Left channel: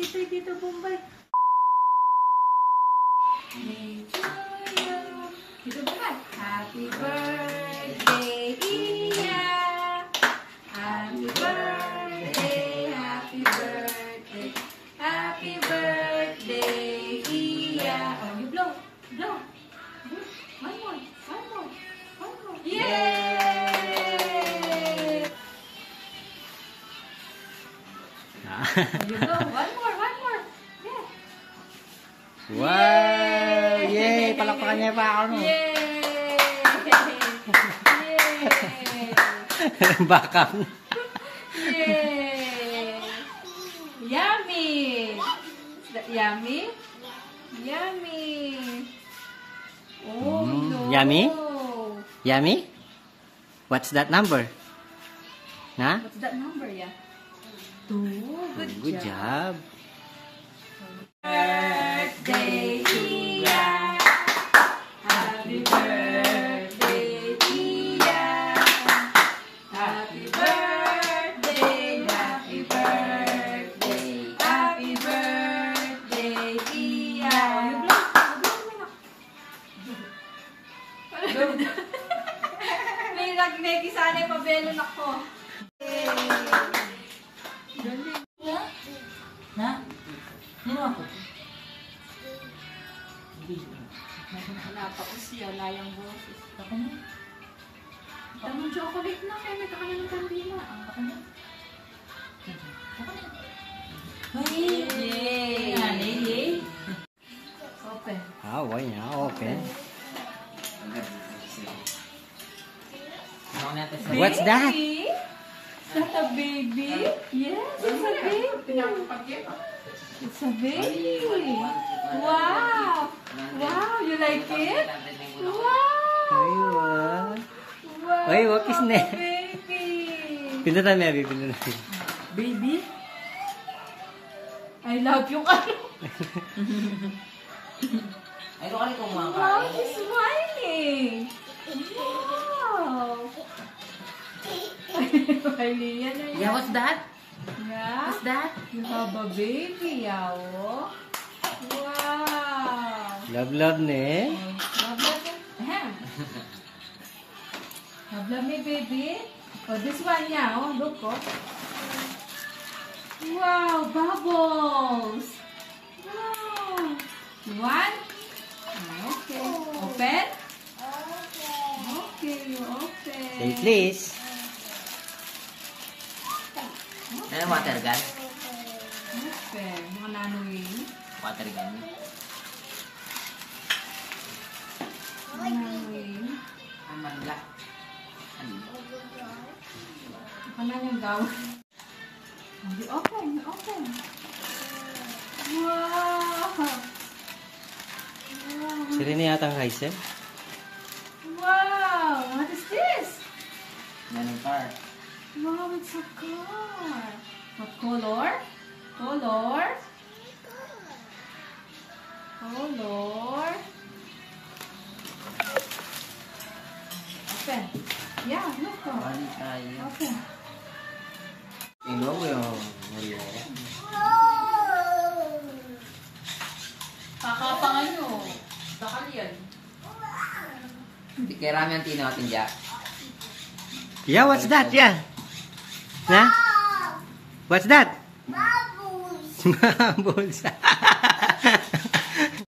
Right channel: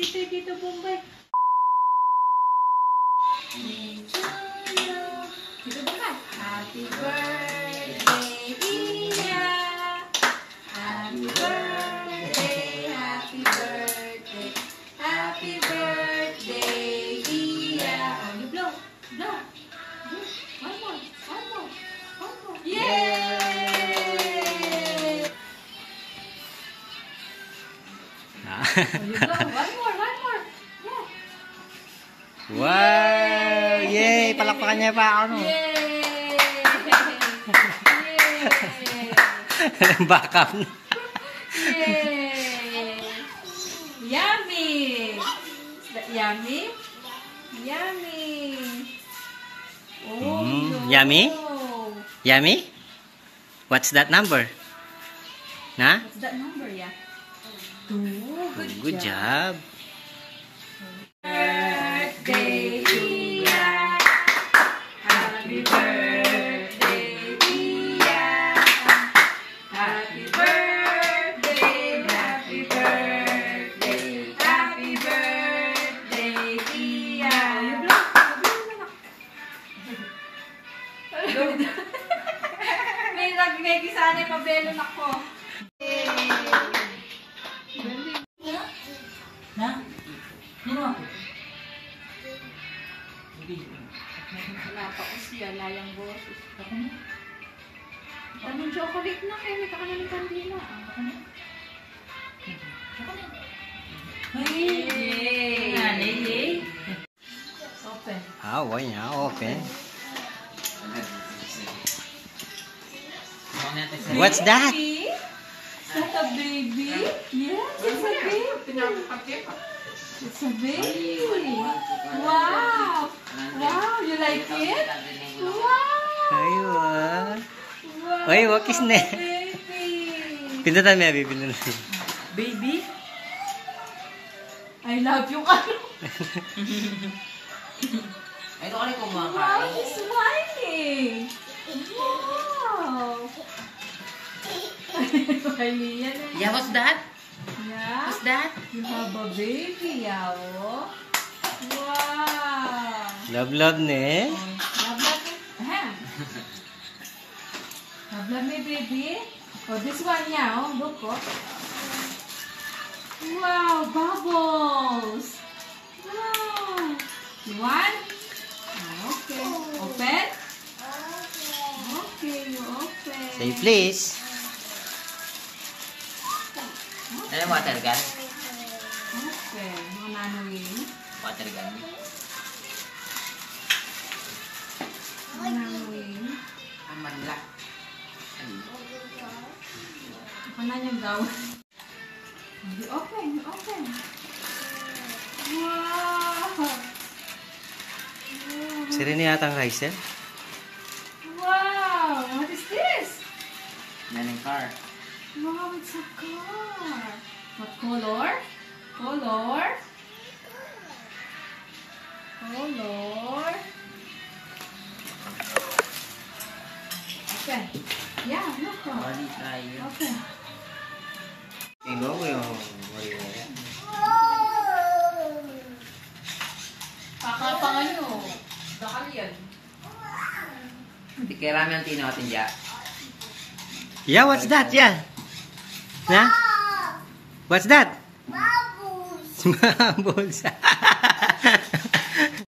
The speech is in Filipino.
Bisita dito, Bombay. Dito, Bombay. Happy birthday, Iya. Happy birthday, happy birthday. Happy birthday, Iya. Oh, you blow. Blow. One more. One more. One more. Yay! You blow. One more. One more. Yeah. Wow! Yay! Palakpakan niya pa ako, no? Yay! Yay! Backup. Yay! Yummy! Is that yummy? Yummy! Oh, no. Yummy? Yummy? What's that number? Na? What's that number, yeah? 2. Good job. Birthday, Iya. Happy birthday, Iya. Happy birthday, happy birthday, happy birthday, Iya. May gisanay pabelon ako. Ha? Sino ako? Wala pa ko siya, layang boses. Ako na. Tamang chocolate na kayo, may kakanin ng kandila. Ako na. Ako na. Yay! Yay! Open. Ah, why niya? Open. What's that? Baby? Is that a baby? Yes, it's a baby. It's a baby. Wow! Wow, you like it? Wow! Ayun. Wow! Ay, wakis na. Baby! Pindutan mo, Abby. Pindutan. Baby? I love you ka. Ay, ito ka rin Wow, kumakain. he's smiling. Wow! Yeah, what's that? Yeah? What's that? You have a baby, Yao. Wow! Love, love ne. Love me. Ahem. Love me, baby. Oh, this one, yeah. Oh, look, oh. Wow, bubbles. Wow. You want? Okay. Open? Okay, you open. Say please. Ano yung water gun? Open. Mga nanawin. Water gun. Mga nanawin. Ang manla. Ako na niyang gawin. You open, you open. Wow! Sira niya yata ang Hazel. Wow! What is this? Nanay car. Wow, it's a car. What color? Color? Color? Open. Yeah, look. Bali tayo. Open. Tingnan mo yung... Kakapangan nyo. Bakal yan. Hindi kaya rami ang tinawatin dyan. Yeah, what's that? Yeah. Na? What's that? Bubbles. Bubbles.